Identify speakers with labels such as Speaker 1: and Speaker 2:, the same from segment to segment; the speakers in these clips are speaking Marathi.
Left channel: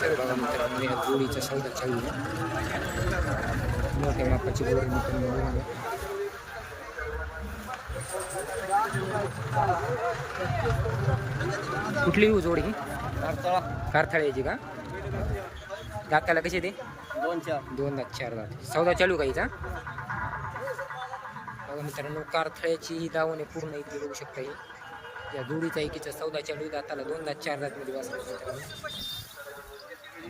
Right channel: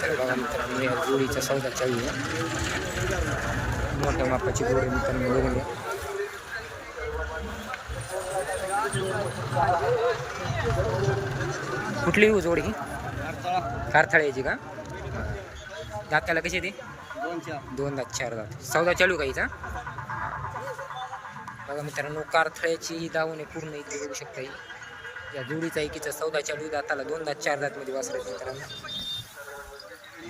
Speaker 1: तर बघा मित्रांनो या सौदा चालू आहे. मोठ्या मापाची गोरे मित्रांनो बघून घ्या. कुठली हो जोडी? कारथाळ्याची का? दाताला कशी दे
Speaker 2: दोन चार
Speaker 1: दात चार दात. सौदा चालू का हिचा? बघा मित्रांनो कारथळ्याची दावणे दावण आहे पूर्ण इथे बघू शकता या जोडीचा एकीचा सौदा चालू दाताला दोन दात चार दात मध्ये वासरायचं मित्रांनो.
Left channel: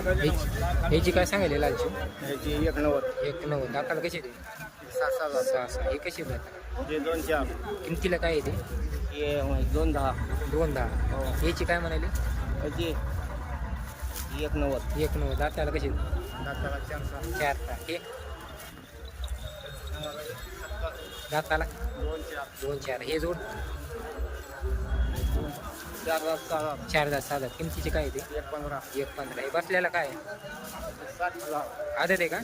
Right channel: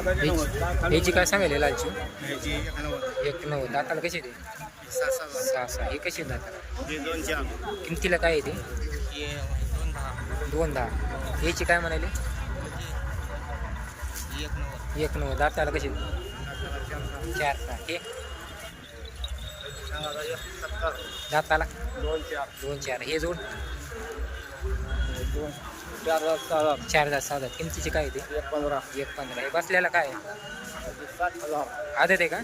Speaker 1: ह्याची काय सांगायला लालची?
Speaker 2: ह्याची एक नव्वद
Speaker 1: एक नव्वद दाताला कशी ते?
Speaker 2: सहा सहा
Speaker 1: सहा सहा. हे कशी दाताला?
Speaker 2: हे दोन चार
Speaker 1: किमतीला काय येते
Speaker 2: हे दोन दहा.
Speaker 1: दोन दहा. याची काय म्हणाली?
Speaker 2: ह्याची एक नव्वद
Speaker 1: एक नव्वद दाताला कशी
Speaker 2: दाताला चार सहा.
Speaker 1: चार सहा. हे? दाताला?
Speaker 2: दोन चार
Speaker 1: दोन चार. हे जोड.
Speaker 2: चार
Speaker 1: दात सहा दात किमतीची काय येते
Speaker 2: एक पंधरा.
Speaker 1: हे बसलेला काय?
Speaker 2: सात
Speaker 1: आदत आहे का?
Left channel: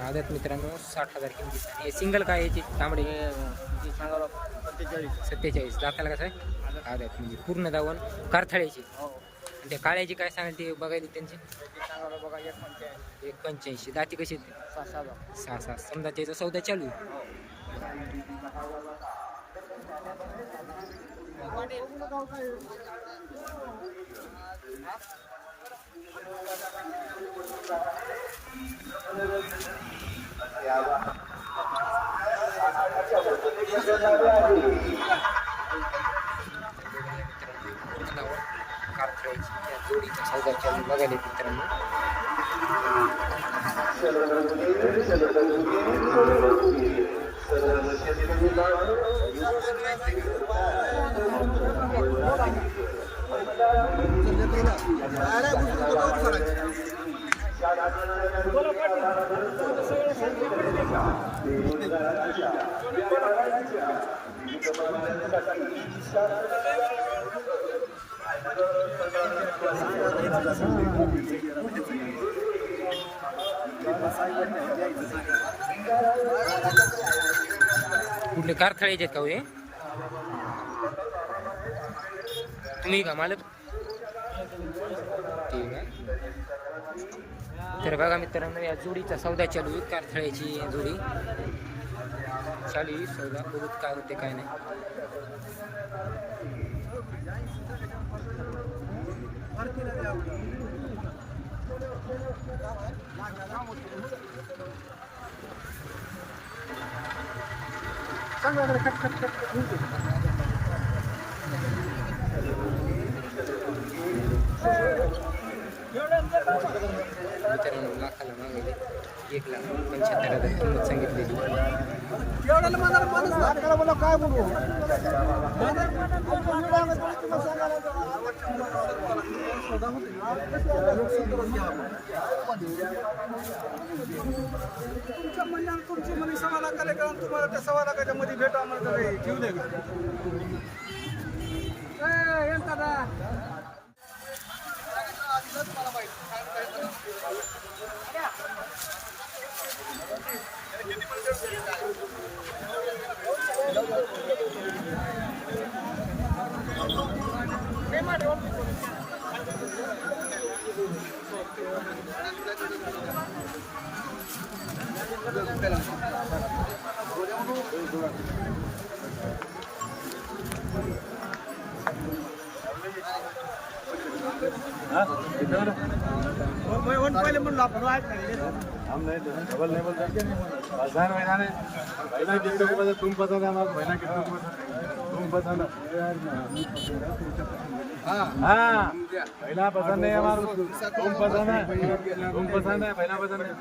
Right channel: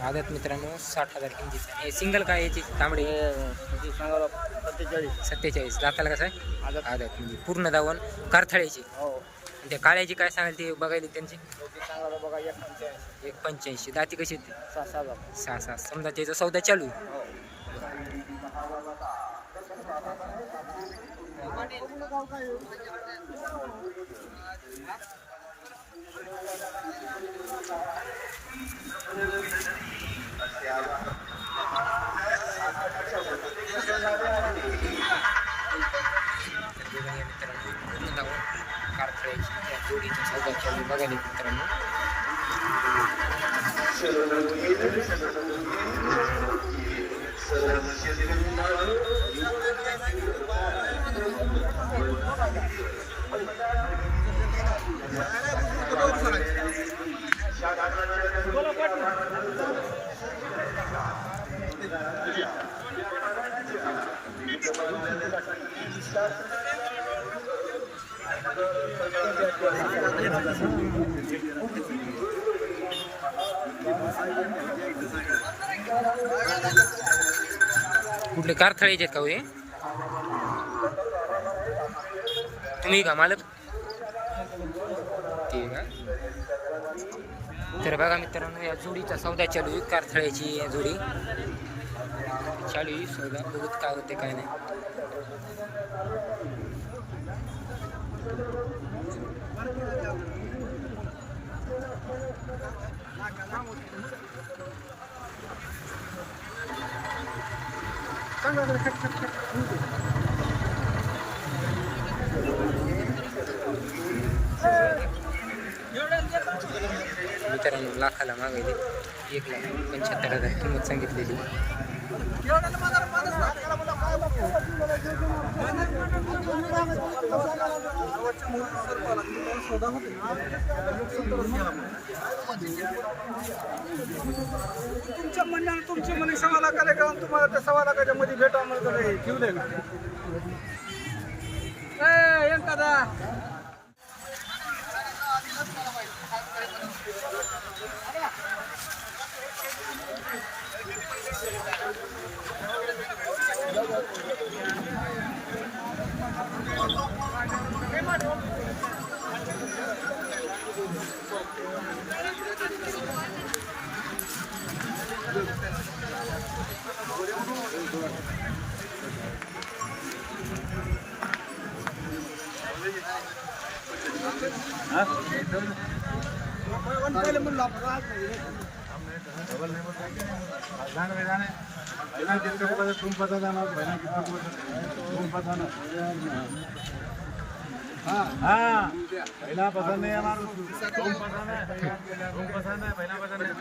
Speaker 2: आदत.
Speaker 1: मित्रांनो साठ हजार किमतीचं. हे सिंगल काय याची तांबडे?
Speaker 2: सत्तेचाळीस.
Speaker 1: दाताला कसं आहे?
Speaker 2: आदत.
Speaker 1: म्हणजे पूर्ण दावण कारथळ्याची.
Speaker 2: हो.
Speaker 1: आणि त्या काळ्याची काय सांगाल ते बघायला त्यांची?
Speaker 2: एक पंच्याऐंशी.
Speaker 1: दाती कशी
Speaker 2: हजार.
Speaker 1: सहा सहा. समजा त्याचा सौदा चालू आहे कारथळ्याची त्या जोडीचा सौदा चालू आहे. बघायला मित्रांनो कुठले कारथळ्याचे आहेत का हो हे तुम्ही का मालक? ठीक आहे. तर बघा मित्रांनो या जोडीचा सौदा चालू आहे. कारथळ्याची या जोडी. चालू आहे सौदा. बघूत काय होते काय नाही. मित्रांनो लाखाला मागायले एक लाख पंच्याहत्तर हजार किंमत सांगितलेली.
Speaker 3: तुमच्या म्हणण्यावर तुमची म्हणे सव्वा लाखाला का? तुम्हाला त्या सव्वा लाखाच्या मध्ये भेटावं म्हणतं ते ठेवलंय का ए, एखादा वन पहिले म्हणलो आपण आज नाही
Speaker 4: हमने डबल लेवल जाके बाजार में जाने पहला कितने को बता तुम बता देना पहला कितने को बता तुम बताना हाँ हाँ पहला पसंद है हमारा तुम पसंद है तुम पसंद है पहला पसंद है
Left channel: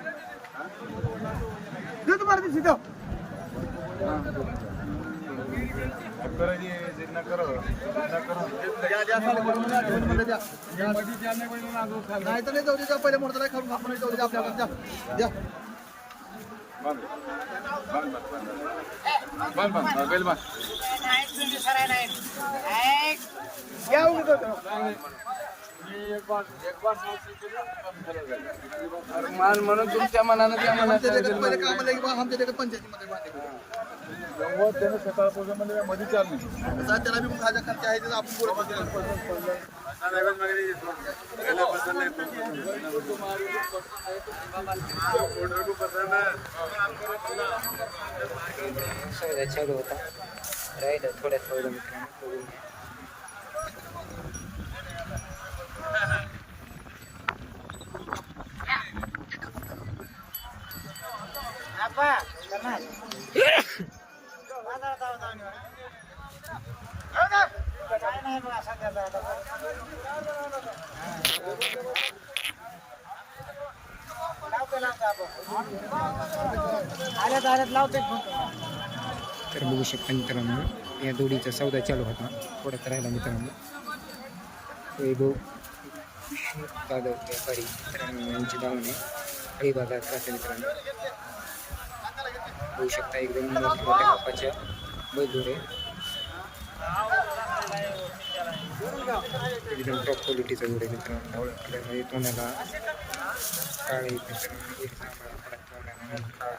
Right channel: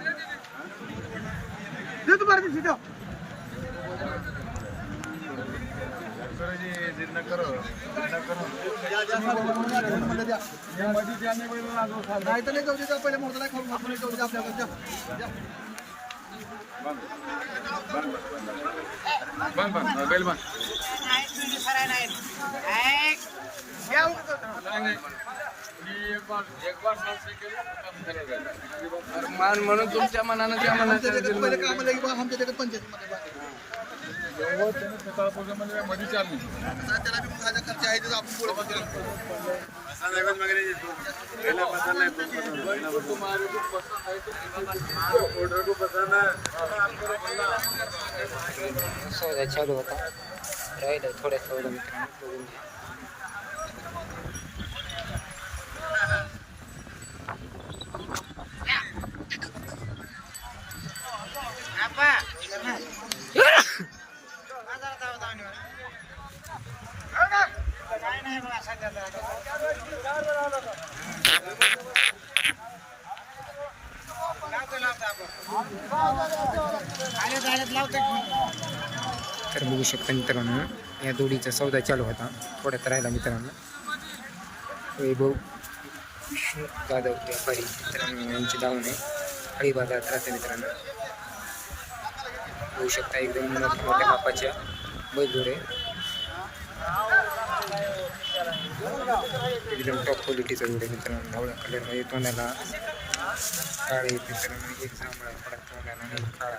Speaker 4: दे तुम्हारे सीधा करो जी जितना करो नाही तर नाही जाऊ दे पहिले म्हणतो खाऊन खात नाही जाऊ द्या
Speaker 2: म्हणून तुमच्या मनानं ते आम्हाला
Speaker 4: आमच्या जगात पंचायतीमध्ये त्यानं सकाळपासून मध्ये चार त्याला बी माझा खर्च आहे तर आपण पुढे
Speaker 1: सौदा चालू होता. राहिलं थोड्या सौदा मित्रांनो तर बघू शकता मित्रांनो या दोडीचा सौदा चालू होता. थोड्यात राहिला मित्रांनो. वैभव विष्णू जाधव व्यापारी मित्रांनो यांची धावून आहे हळी बाजारात राहते मित्रांनो. बघू शकता एकदम मोठ्या मोठ्या मापाच्या बैलदोरे एकदम टॉप क्वालिटीचा जोड आहे मित्रांनो ढवळ्या कलरमध्ये तोंडाला काळे मित्रांनो. एक जांभळा थोडा तोंडाला आणि एक काळा.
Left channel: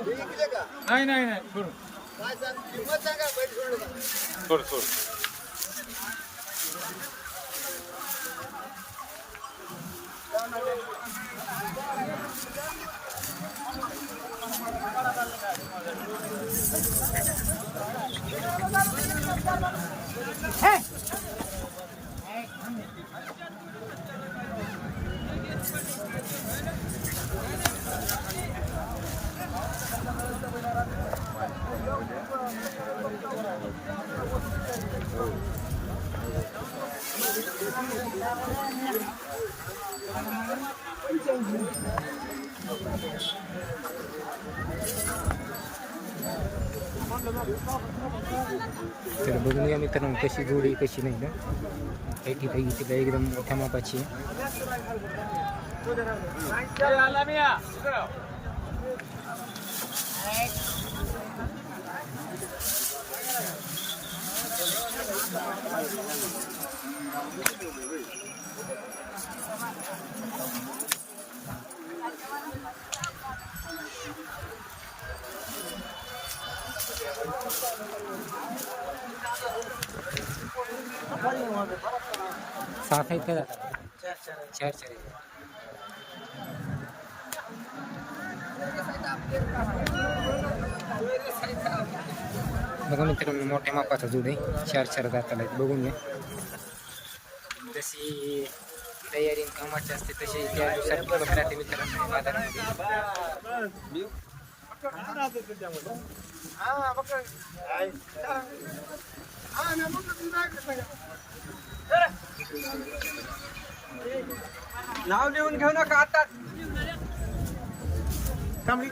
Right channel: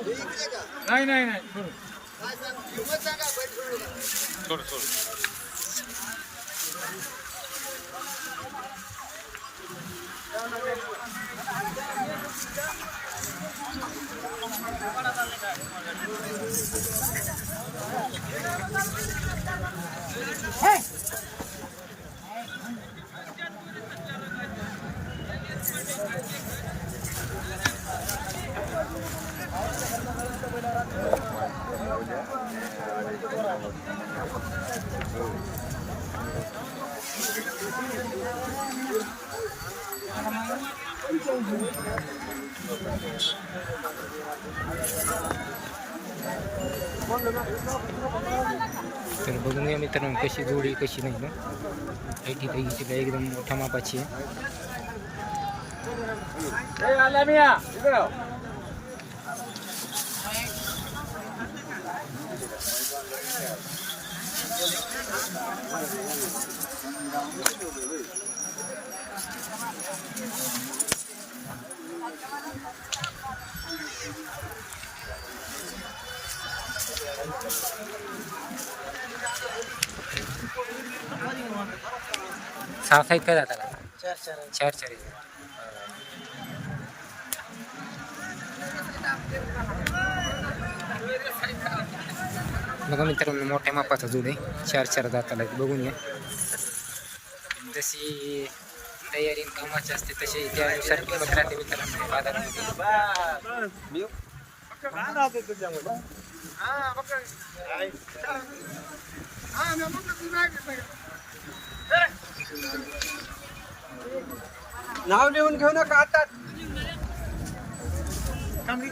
Speaker 4: नाही नाही नाही सोड सोड. सोड
Speaker 1: तर बघून घ्या मित्रांनो कशी जोडी कशी नाही ना. एक ऐटी पैकीची एकदम मोठ्या मापाची आहे. सहा आहेत काय दादाला. चार चार बघा मित्रांनो मोठ्या मापाचा जोड आहे. चार चार दाताला बघून घ्या. जशी तयारी कामाची असते तशी त्यानुसार किंमत राहते मित्रांनो बाजारामध्ये.
Speaker 4: नाव लिहून घेऊ नका आता.
Speaker 3: थांबली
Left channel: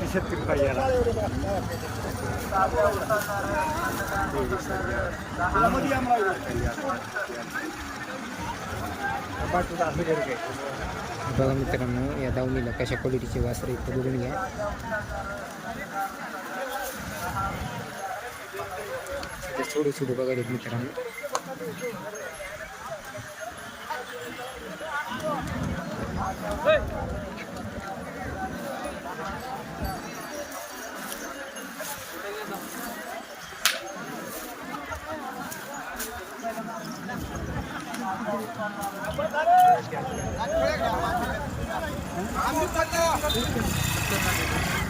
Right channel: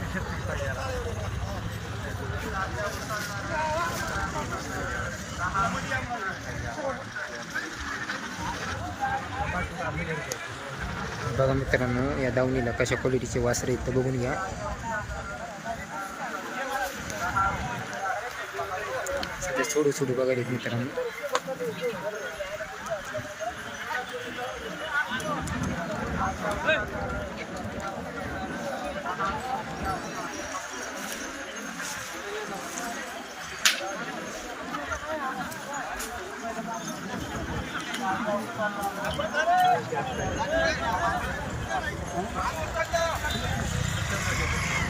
Speaker 3: कोटी पाहिजे
Speaker 1: बघा मित्रांनो या दावणीला कशा क्वालिटीचे वासरे आहेत ते बघून घ्या. सध्या छोडू छोडू बघायला मित्रांनो. दोन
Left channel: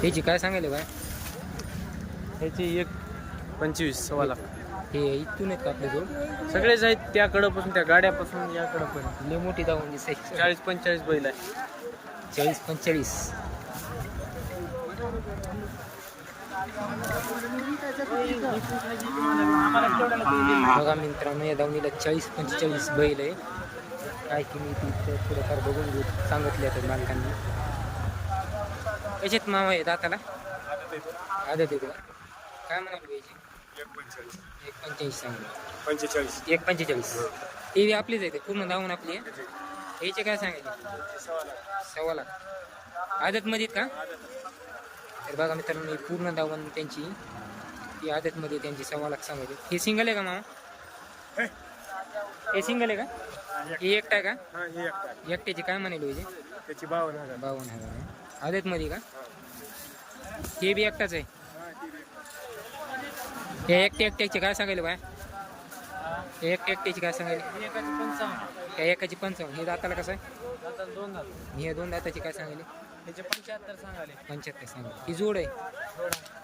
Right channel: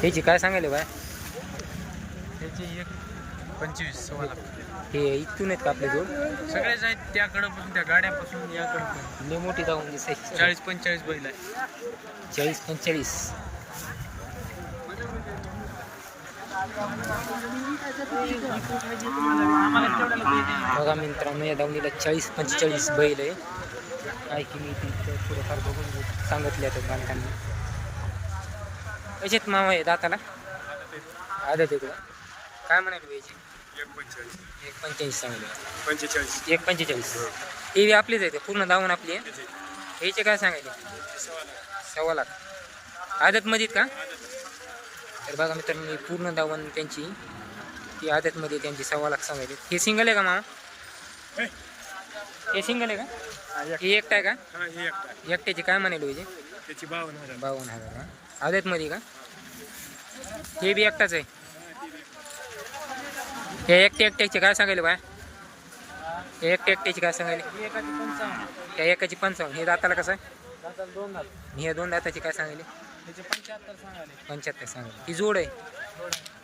Speaker 1: ह्याची काय सांगायले बाय?
Speaker 3: त्याची एक पंचवीस सव्वा लाख
Speaker 1: हे इथून आहेत का आपले जोड?
Speaker 3: सगळेच आहेत त्याकडं पासून त्या गाड्यापासून याकडं पण
Speaker 1: लय मोठी दावून दिसायची
Speaker 3: चाळीस पंचेचाळीस बैल आहे.
Speaker 1: चाळीस पंचेचाळीस. बघा मित्रांनो या दावणीला चाळीस पंचेचाळीस बैल आहे. काय किंमत इथं थोडंफार बघून घेऊ सांगितले आता मालकांनी. कशात मावा आहे दाताला? आदत आहे तुला. काय म्हणाल पाहिजे एक पंचेचाळीस सांगले
Speaker 3: पंचेचाळीस.
Speaker 1: एक पंचेचाळीस. टी व्ही आपलीच आहे ते पूर्ण दावून आपली आहे. याचे काय सांगायचे? सव्वा लाख. आदतमध्ये आहेत का? तर बघा मित्रांनो पूर्ण दावण त्यांची. ती आदतमध्ये त्यांची सव्वा लाख सांगायचे. हे सिंगल आहे का मामा? हे? सिंगल आहे का? हे एकटा आहे का?
Speaker 3: एकटा
Speaker 1: एकट्याची काय म्हणाले पाहिजे
Speaker 3: त्याची बावन्न हजार.
Speaker 1: बावन्न हजार का आदतमध्ये का? हे बी एकटाच आहे. हे एकटे एकट्याचे काय सांगायले बाय? हे एकटे एकट्याची काय सांगायले?
Speaker 3: एकाची पंचावन्न.
Speaker 1: त्या एकाची पंचावन्न. हे दाताला कसं आहे?
Speaker 3: दोन
Speaker 1: हे दोन दाताची काय सांगायले?
Speaker 3: त्याचे पंच्याहत्तर सांगाले
Speaker 1: पंच्याहत्तर सांगायले. ही जोड आहे.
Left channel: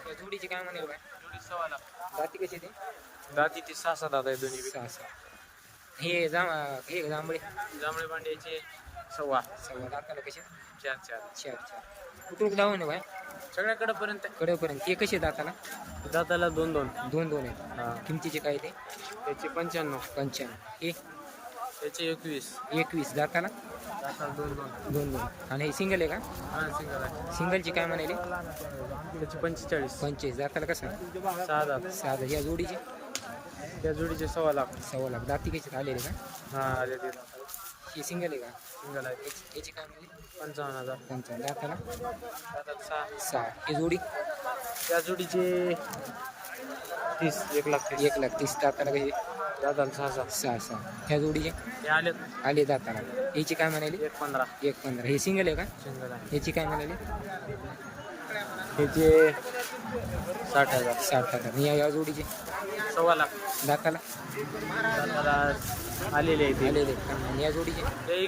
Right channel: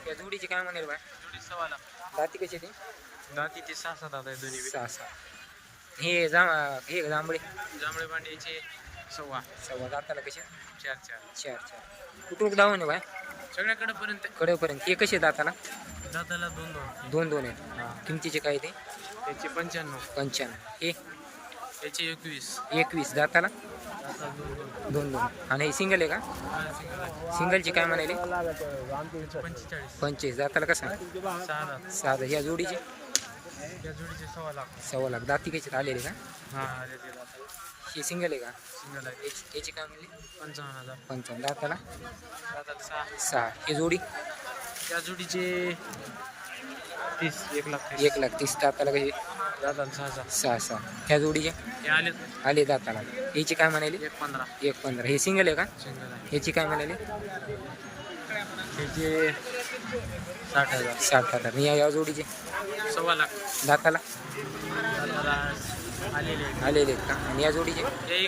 Speaker 1: त्या जोडीची काय म्हणाले बाय? दाती कशी ती?
Speaker 3: दाती ते सहा सात आता दोन्ही बी.
Speaker 1: सहा सहा हे जांभ हे जांभळे?
Speaker 3: जांभळे भांड्याचे. सव्वा.
Speaker 1: सव्वा. दाताला कसे?
Speaker 3: चार चार.
Speaker 1: चार चार. कुठून दावून आहे बाय?
Speaker 3: सगळ्याकडे पर्यंत
Speaker 1: कडेपर्यंत. हे कसे दाताला?
Speaker 3: दाताला दोन दोन.
Speaker 1: दोन दोन आहेत. किमतीचे काय ते?
Speaker 3: त्याचे पंच्याण्णव.
Speaker 1: पंच्याण्णव. हे?
Speaker 3: त्याचे एकवीस.
Speaker 1: एकवीस. दाताला
Speaker 3: दोन दोन.
Speaker 1: दोन दोन. आणि हे सिंगल आहे का?
Speaker 3: हा सिंगल आहे.
Speaker 1: सिंगलची काय म्हणाले
Speaker 3: त्याचे पंचेचाळीस.
Speaker 1: पंचवीस दाताला कसं
Speaker 3: सहा
Speaker 1: सहा ह्या जोडीचे?
Speaker 3: त्या जोडीचे सव्वा लाख.
Speaker 1: सव्वा लाख. दाती कशी आलेले का?
Speaker 3: हा आले ते दात.
Speaker 1: ही सिंगल आहे का?
Speaker 3: सिंगल आहे.
Speaker 1: याची याची काय म्हणली?
Speaker 3: पंचावन्न हजार.
Speaker 1: पंचावन्न. दाताला
Speaker 3: सहा.
Speaker 1: सहा. ही जोडी?
Speaker 3: त्या जोडीचे तीस. एक लाख तीस.
Speaker 1: एक लाख तीस. दाताला कशी?
Speaker 3: सहा
Speaker 1: सहा. ह्या जोडीचे?
Speaker 3: ते आले.
Speaker 1: आले दाताला याची काय म्हणाली?
Speaker 3: एक पंधरा.
Speaker 1: हे सिंगल आहे का?
Speaker 3: सिंगल आहे.
Speaker 1: याची काय म्हणाली?
Speaker 3: त्याचे साठ हजार.
Speaker 1: साठ हजार. या या जोडीचे?
Speaker 3: सव्वा लाख.
Speaker 1: दाताला?
Speaker 3: आलेले
Speaker 1: आलेले आहेत का? आणि या जोडीचे?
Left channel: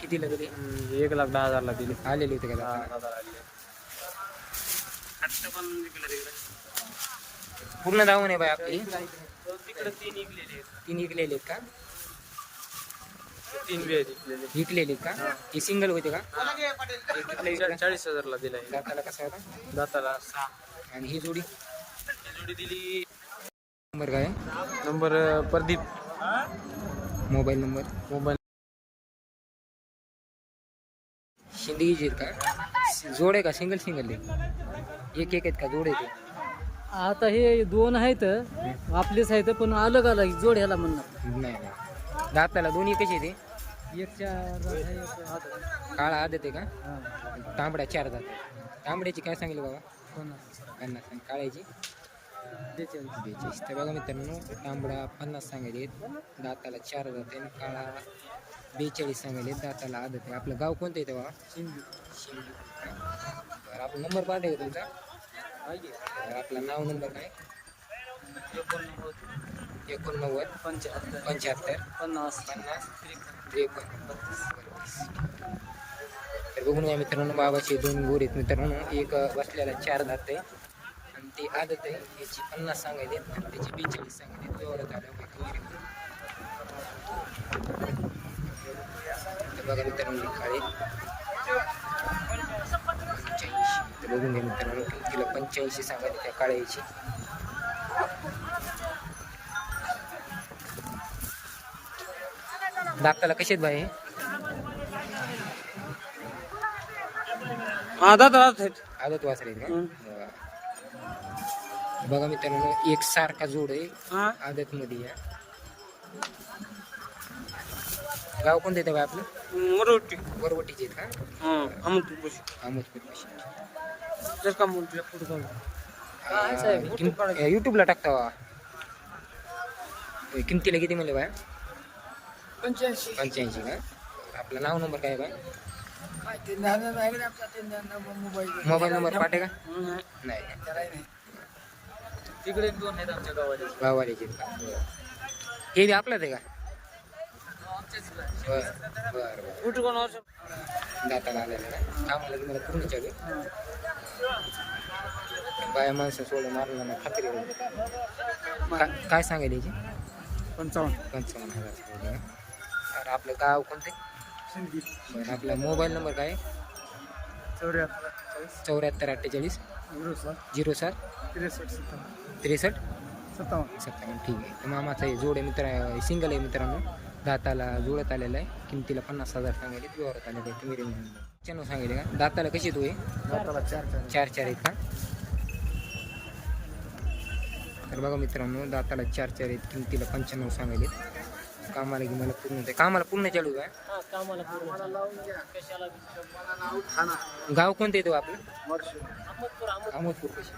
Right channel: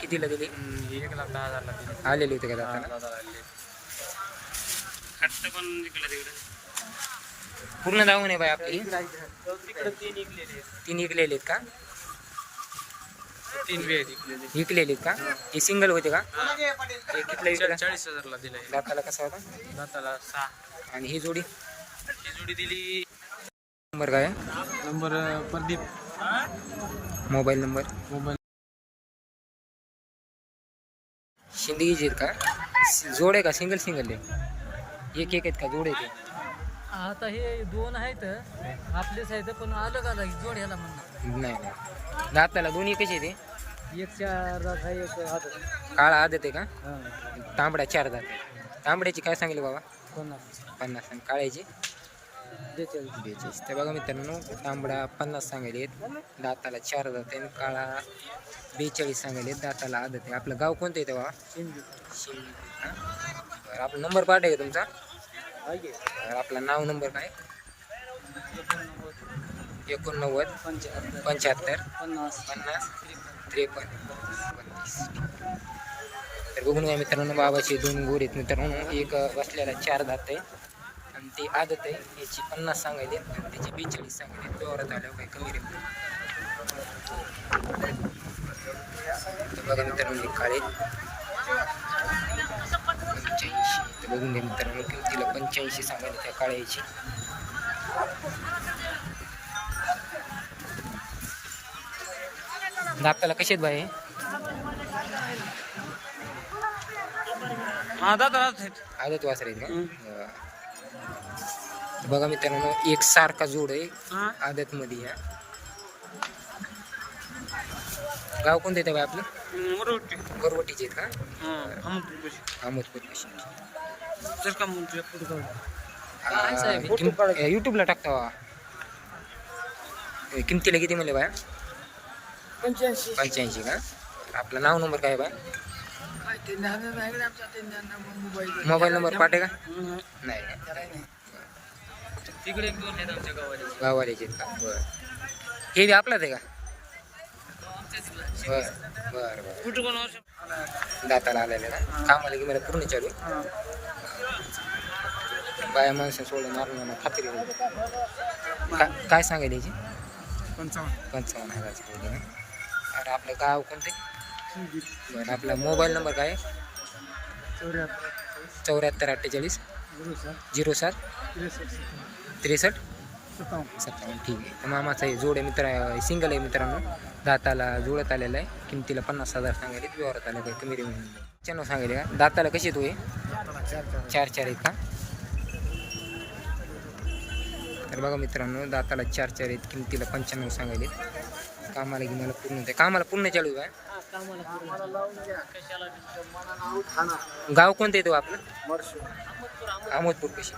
Speaker 1: कितीला दिले?
Speaker 3: एक लाख दहा हजारला दिले.
Speaker 1: आलेले होते का
Speaker 3: तिकडे.
Speaker 1: पूर्ण दावून आहे बाय आपली.
Speaker 3: तीन
Speaker 1: विकलेले आहेत. का?
Speaker 3: तीन बी आहेत. इकलेले
Speaker 1: विकलेले आहेत का? हे. सिंगल होते का? हे कितला विकला
Speaker 3: चाळीस हजारला दिले
Speaker 1: दाताला कसा होता?
Speaker 3: दाताला सहा.
Speaker 1: आणि ही जोडी?
Speaker 3: ही जोडी दिली.
Speaker 1: नंबर काय?
Speaker 3: Number Pradeep.
Speaker 1: Mobile number?
Speaker 3: Mobile.
Speaker 1: शिंदगीचे आहेत का? जोड आहे का? सिंगल सिंगल आहे? एक एक आहेत का? जोड आहे ते.
Speaker 5: आता हे दोन आहेत आपलेच आहेत पण अलग अलग जोड ह्याला म्हणणार.
Speaker 1: नाही नाही. दाताला दोन्ही कसे ते?
Speaker 5: एक चार आहे एक हात
Speaker 1: काळा आदत आहे का? तांबडा चार दात आहे. तांबड्याची काय सांगितलं बाबा?
Speaker 5: पन्नास.
Speaker 1: पन्नास आणि काळ्याची?
Speaker 5: बेचाळीस.
Speaker 1: बेचाळीस. तर बघा मित्रांनो तांबडा पन्नास सांगायले दाताला चार दात आहे आणि काळा बेचाळीस सांगायले दाताला आदत आहे. आपलं गाव कोणतं येतं बाबा?
Speaker 5: शिंदे.
Speaker 1: शिंदी. बरं आपला नंबर पाठ आहे का तुमचा? आपला नाव नंबर काय?
Speaker 5: एकोणनव्वद
Speaker 1: एकोणनव्वद
Speaker 5: पंच्याहत्तर
Speaker 1: पंच्याहत्तर
Speaker 5: पन्नास
Speaker 1: पन्नास त्रेपन्न बत्तीस. तर बघून घ्या मित्रांनो बाबाचे दोन गोर आहेत मित्रांनो. एक बसलेला चार दात आहे आणि ते आदत आहे याची पन्नास सांगायले आणि त्याची बेचाळीस सांगायले व्यवहारात आल्यावर काही कमी रेट बघा मित्रांनो काळे तर बघून घ्या मित्रांनो किमतीला पंच्याऐंशी सांगायले त्या काळ्याची. दाताला कसे आहेत बाई? आदत वासर आहेत का. बघा मित्रांनो एक सारखा जोड आहे. आदत मध्ये या. गाव कोणतं येतं बाई आपलं? वरवटीचे आहेत का? अहमदपूर पाशी
Speaker 5: जर का म्हणतो पुढे काढू
Speaker 1: युट्यूबला टाकता किमतीला किती म्हणले बाया?
Speaker 5: पंच्याऐंशी.
Speaker 1: पंच्याऐंशी का? आपलं नाव नंबर काय बाय? मोबाईल नंबर पाठे का? नाही का?
Speaker 5: तिकडे दोन आहेत आमच्या
Speaker 1: बरं. हे आपलाच आहे का? बरं बरं बरं.
Speaker 5: कुठं
Speaker 1: दाताला आलेलं ना? कामाला की मला पूर्ण चालू. बाया माणसं सोडून मारणार ना खात्री होईल का- काय सांगायला याची
Speaker 5: पंचावन्न.
Speaker 1: पंचावन्न हजार सांगितले ना? अरे आपलं गाव कोणते? बरं आपला मोबाईल नंबर काय? आहे?
Speaker 5: चौऱ्याहत्तर.
Speaker 1: चौऱ्याहत्तर अठ्ठेचाळीस.
Speaker 5: झिरो सात.
Speaker 1: झिरो सात.
Speaker 5: त्रेसष्ट सत्तावन्न.
Speaker 1: त्रेसष्ट?
Speaker 5: सत्तावन्न.
Speaker 1: सत्तावन्न ठीक आहे. तर मामाचा हे जोड आहे मित्र सिंगल आहे मित्रांनो. दाताला जुळत आलेला आहे. किमतीला पन्नास हजार सांगायले व्यवहारात आले काही कमी रेमी नाही चॅनल सांगायले का? दाताला कशी तो आहे
Speaker 5: चार चार
Speaker 1: आहेत. का? तर बघा मित्रांनो दाताला चार चार आहेत किमतीला पंच्याण्णव सांगायले कामाला की मला पूर्ण ते कामाला पूर्ण चालू आहे गाव कोणतं येतो आपलं? अहमदपूर कशी?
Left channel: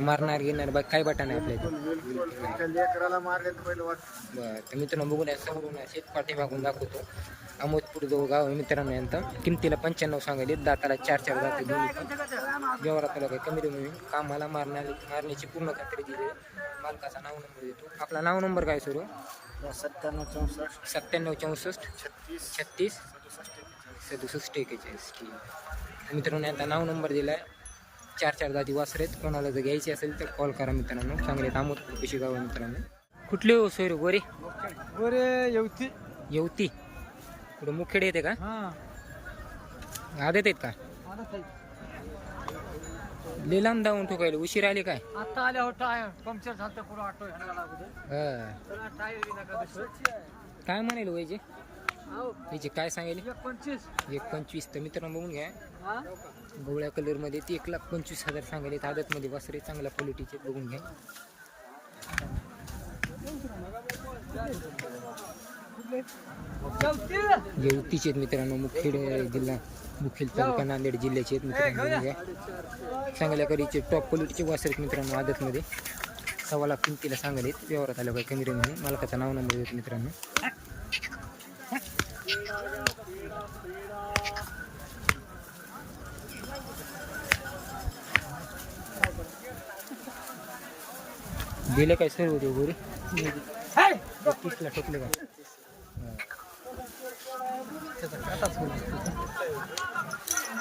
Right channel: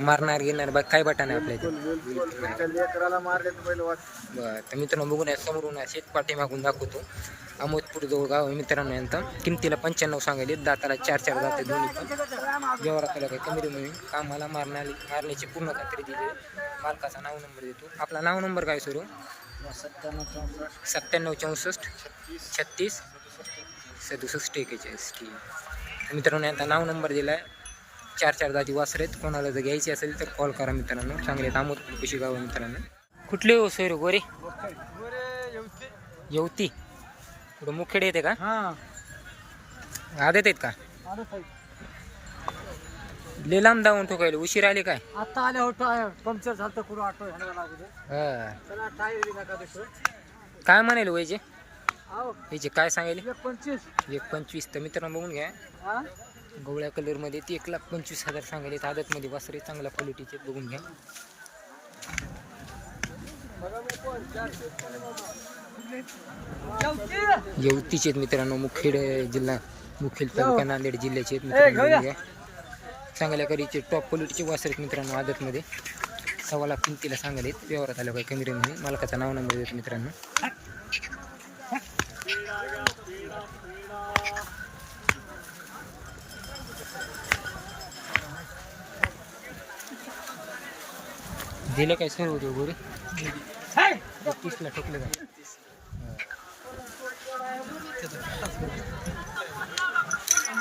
Speaker 1: मारणार घेणार बघ काय बटा नाही आपल्या इथे? बरं तर मित्रांनो बघून या समोरून या शेतपाठी मागून दाखवतो. अहमदपूर जवळ गाव आहे मित्रांनो यांचं. किमतीला पंच्याण्णव सांगायले दाताला चार चार जाते दोन्ही पण. व्यवहारात आला काही कमी म्हणून कामाला मारणारी मारण्याची पूर्ण खात्री दिली मालकाचा नाव नंबर देतो. आपला नाव नंबर काय सुरू?
Speaker 5: सत्त्याण्णव चौसष्ट.
Speaker 1: सत्त्याण्णव चौसष्ट. छत्तीस. सदुसष्ट एकेचाळीस. ठीक आहे. तर मित्रांनो यांचा नाव नंबर दिला आहे चार चार जाती वासर आहेत कोणाला जर घ्यायची असेल तर कॉल करा मित्रांनो. चांगले अहमदपूर कशी गाव मित्रांनो. कुठले हो सोयरे गोरे?
Speaker 5: बरे येवती.
Speaker 1: येवती. कुठं मुखेड येते का?
Speaker 5: हा.
Speaker 1: आदत आहेत का?
Speaker 5: आलं
Speaker 1: लांब धावून ठोकायला. उशीर आले काय?
Speaker 5: आता आल्या होतं पंक्चर झालं
Speaker 1: हा.
Speaker 5: नका तसं
Speaker 1: काय म्हणाले वयचे
Speaker 5: आहो
Speaker 1: याचे काय सांगायले?
Speaker 5: एक पंचवीस.
Speaker 1: तर मित्रांनो बघून घ्या.
Speaker 5: हा.
Speaker 1: गवळ्या कलरमध्ये ती एक लाख पंचवीस हजार सांगायला येत. आदतमध्ये वासरे चांगल्या क्वालिटीचे बघून घ्या. येवतीचे आहेत मित्रांनो मुखेड जिल्हा मुखेड तालुका नांदेड जिल्ह्याचे आहेत मित्रांनो बघून घ्या. चांगल्या करीचे टॉप क्वालिटीचे वासरे आहेत मित्रांनो आदतमध्ये. सव्वा लाख किमतीला सांगायला आहेत व्यवहारात आलं काय कमी रेमध्ये मालकाचा नाव नंबर देतो मित्रांनो. दिले काय सर्व ते गोरे तीसला ठोकले काय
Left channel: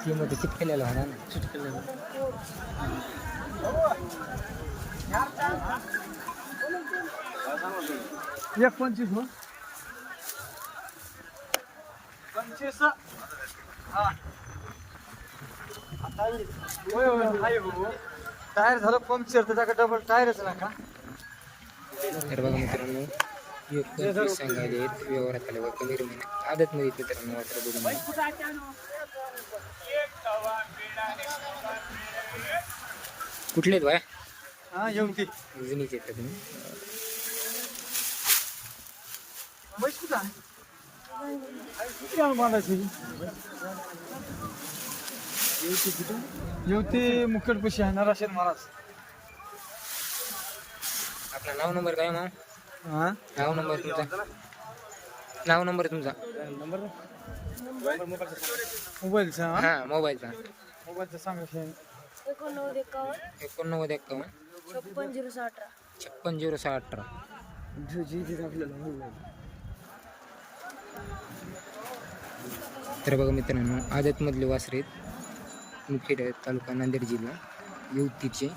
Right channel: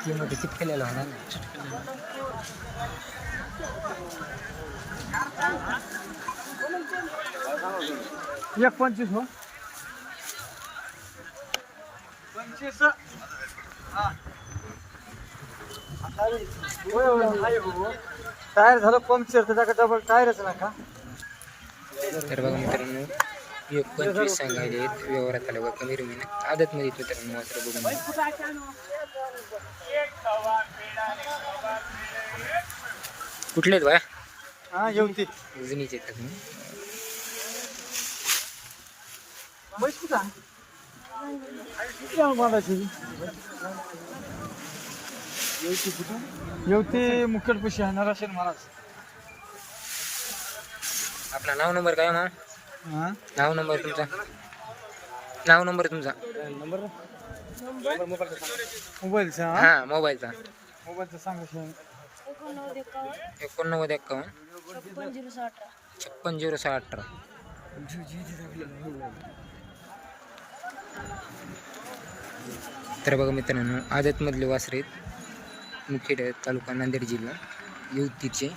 Speaker 1: किंमत चिटकेलेला होणार ना.
Speaker 5: एक पंचवीस हो. पंचवीस. टायर झालं पंक्चर त्याच्या डबल टायरच नका
Speaker 1: तर बघा मित्रांनो एक पंचवीस सांगायले आहेत व्यवहारात आल्यावर कमी रुमी आदतमध्ये मित्रांनो वासरं बघून कुठले आहेत बाया
Speaker 3: हा येऊन ते
Speaker 1: उजनीचे आहेत का तुम्ही?
Speaker 3: येवते आहे नराशेर महाराज.
Speaker 1: आपला नाव नंबर काय मग
Speaker 3: हा?
Speaker 1: नाव नंबर तुमचा? नाव नंबर तुमचा?
Speaker 3: मोबाईलचा हा?
Speaker 1: हा मोबाईलचा.
Speaker 3: मोबाईलचा सांगा
Speaker 6: एकोणनव्वद एकावन्न.
Speaker 1: एकोणनव्वद एक्कावन्न
Speaker 6: छप्पन झिरो सहा अठरा.
Speaker 1: छप्पन झिरो सहा अठरा. तर बघा मित्रांनो आदतमधले वासरे आहेत. मुखेड तालुका नांदेड जिल्हा. युवतीचे.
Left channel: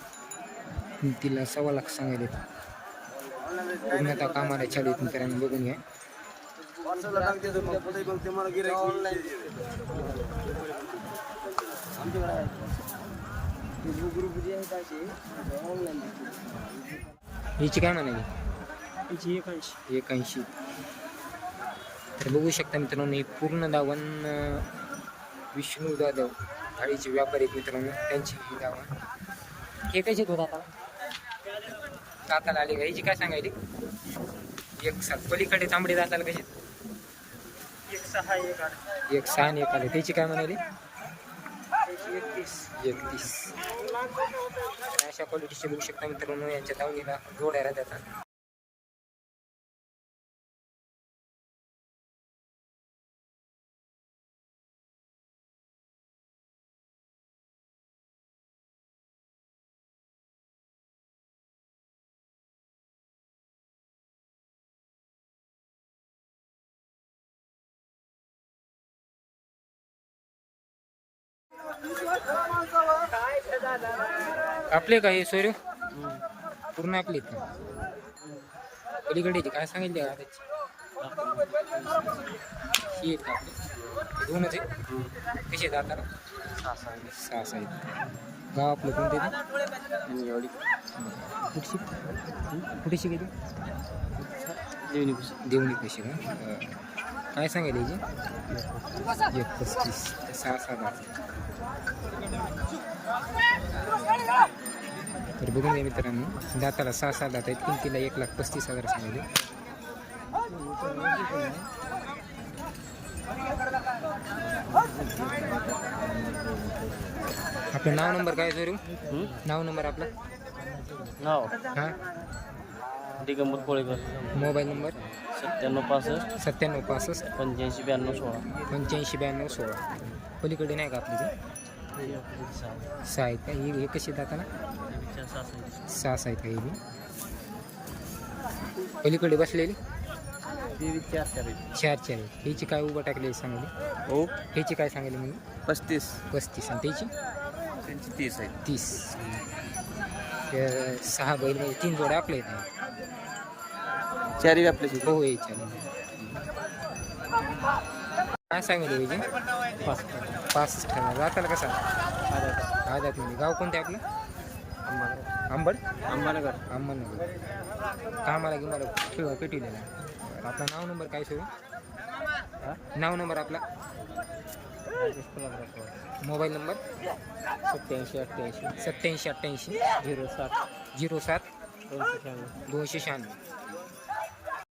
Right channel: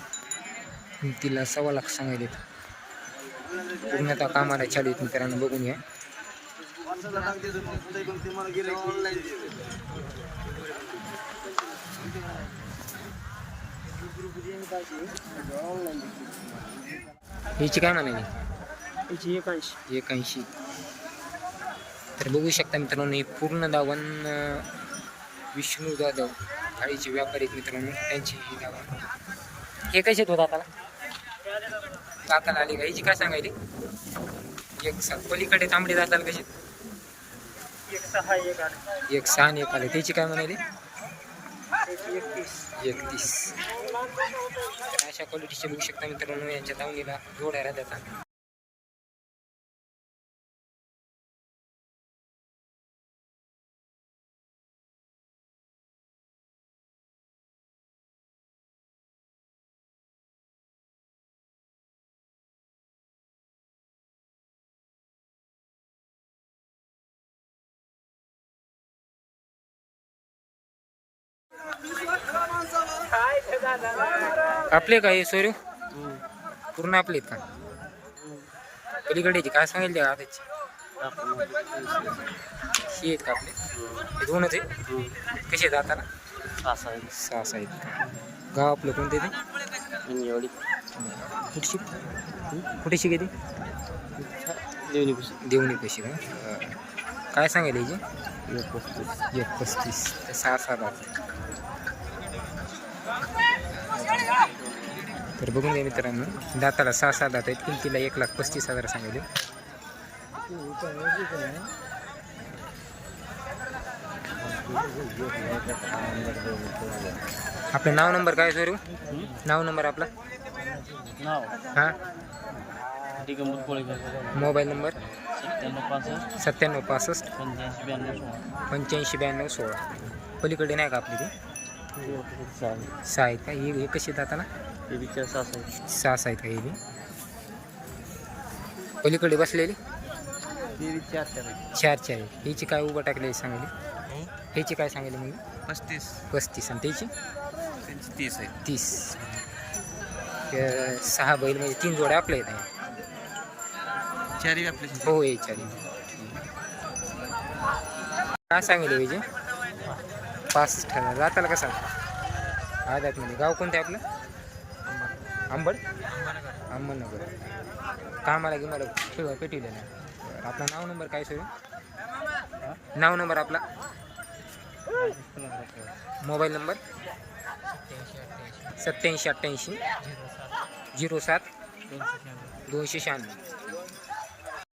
Speaker 1: किमतीला सव्वा लाख सांगायले पूर्णतः कामाला चालू आहेत मित्रांनो बघून घ्या. ह्याची काय म्हणाली एकाऐंशी. तर बघू शकता मित्रांनो हे पूर्ण दावण अं, विष्णू जाधव थाळीचे व्यापारी आहेत मित्रांनो त्यांची ही दावण. हे कसे आहेत हो दाताला आली का हिची काय सांगायली? एक सात पलीकडे तांबडी दाताला कशी? एक सहा आणि एक आले त्याची काय म्हणाली? एकतीस. तर अशा क्वालिटीचे बघू शकता मित्रांनो यांच्या दावणीला जोड्या राहतात. आपले काय सोयरे? पूर्ण आपले आहेत का? पलीकडेचे काय सांगेल त्या आताची ही आहेत का आपले? हे दोनच आहेत? कसे आहेत आताला सहा सहा आहेत का? गाव आपलं कोणते ते? बरं. कुठशी कुठेशी किती देवणी कशी का? काय सांगेल याची एक पस्तीस सहा सात आठ तर बघून घ्या मित्रांनो दाताला सहा सहा दात आहेत. किमतीला एक लाख पस्तीस हजार सांगितले. आपलं नाव नंबर काय सर नाव नंबर आपला?
Speaker 2: नाव.
Speaker 1: हां?
Speaker 2: दिगंबर कोळेकर.
Speaker 1: Mobile number?
Speaker 2: सत्त्याण्णव पासष्ट.
Speaker 1: सत्त्याण्णव पासष्ट.
Speaker 2: पंच्याऐंशी ब्याण्णव सोळा.
Speaker 1: पंच्याऐंशी ब्याण्णव सोळा. पलीकडे नाही का आपली ते? सहा आहेत का ही हे कशी दाताला सहा आहेत का हे बी? पलीकडे बसलेली?
Speaker 2: तेवीसच्या अठ्ठावीस
Speaker 1: चार चार आहेत. ह्याची काय उभं टाकले सांगली?
Speaker 2: हो?
Speaker 1: ह्याची काय सांगली म्हणजे
Speaker 2: पस्तीस.
Speaker 1: पस्तीस. आणि त्याची
Speaker 2: त्यांची तीस आहे.
Speaker 1: तीस. सहा बैल म्हणजे तीन जोड्या आपल्या येत आहे
Speaker 2: चारी आपली
Speaker 1: हो हे चार. काय सांगेल ह्याची पाच हज़ार जाताला कसा? आदातमध्ये गाव कोणतं आहे आपलं? आंबड अहमदनगर कामाला की मला पेटवलेला बरं आपलं नाव नंबर काय सुरू? नाव नंबर आपला? Mobile number?
Speaker 2: सत्याऐंशी अठ्ठ्याऐंशी.
Speaker 1: सत्याऐंशी अठ्ठ्याऐंशी.
Speaker 2: झिरो सात.
Speaker 1: झिरो सात.
Speaker 2: दोनशे शहाण्णव.
Speaker 1: दोनशे शहाण्णव.